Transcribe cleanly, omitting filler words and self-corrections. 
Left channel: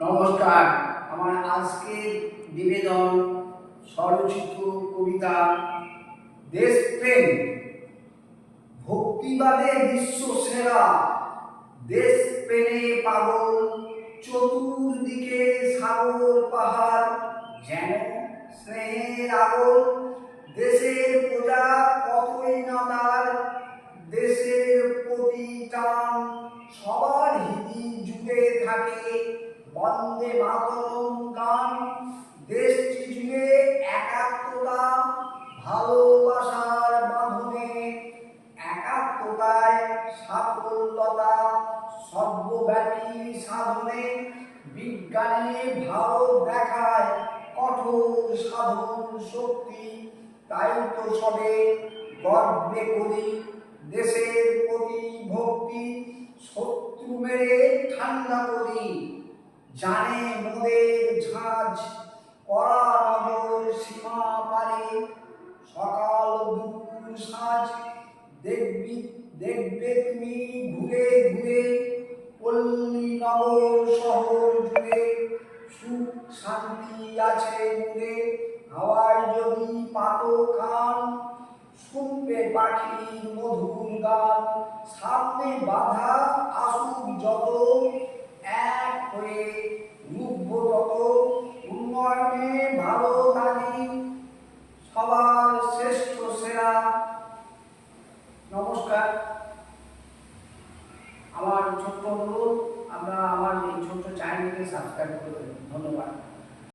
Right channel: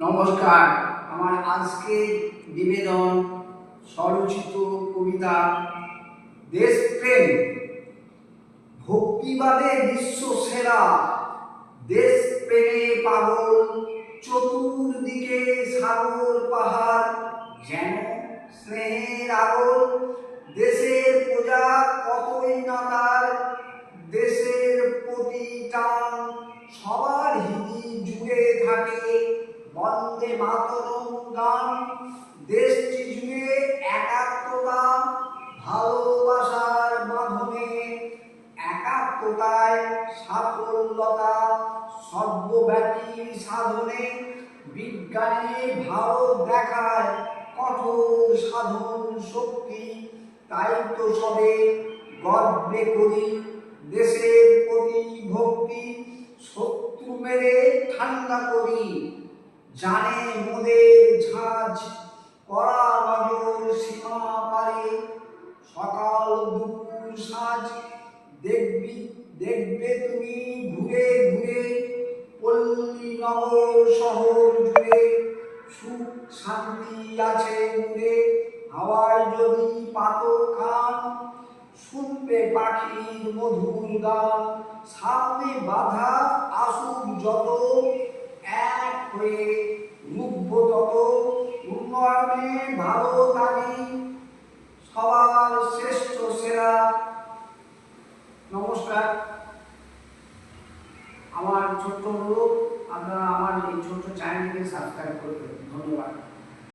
নমস্কার। আমার আজকের নিবেদন স্বরচিত কবিতা দেশপ্রেম। ভক্তিবাদে বিশ্ব সেরা, দেশপ্রেমে পাগল, চতুর্দিকে সাগর পাহাড়, যেন স্নেহের আগল। দেশের প্রজা কতই না তার, দেশের প্রতি টান, সবার হৃদি জুড়ে থাকে বন্দে মাতরম গান। দেশটি জুড়ে একাত্মতা, ভালোবাসার বাঁধনে, একাত্মতায় সাফল্যতা, সর্বব্যাপী সাধনে। বিজ্ঞানে ভারত দেখায় কঠোর সাধন শক্তি, তাই তো সবে গর্বে করি দেশের প্রতি ভক্তি। শত্রু মেরে ঠান্ডা করি, জানে মোদের ঝাঁঝ, কড়া নজর সীমা পারে, সকাল দুপুর সাঁঝ। দেখবে তুমি ঘুরে ঘুরে পল্লী নগর শহর জুড়ে, সুখ শান্তি আছে মুড়ে। হাওয়ায় যদি পাতো কান, শুনবে পাখির মধুর গান। সামনে বাধা আসুক যত, এক হয়ে রুখব তত। উন্নয়নে ভালো দাবি, সবার শ্রেষ্ঠ সেরা। নমস্কার। আমার ছোট্ট অনুরোধ, আপনারা আমার এই ছোট্ট চ্যানেলকে সাবস্ক্রাইব করবেন। ধন্যবাদ।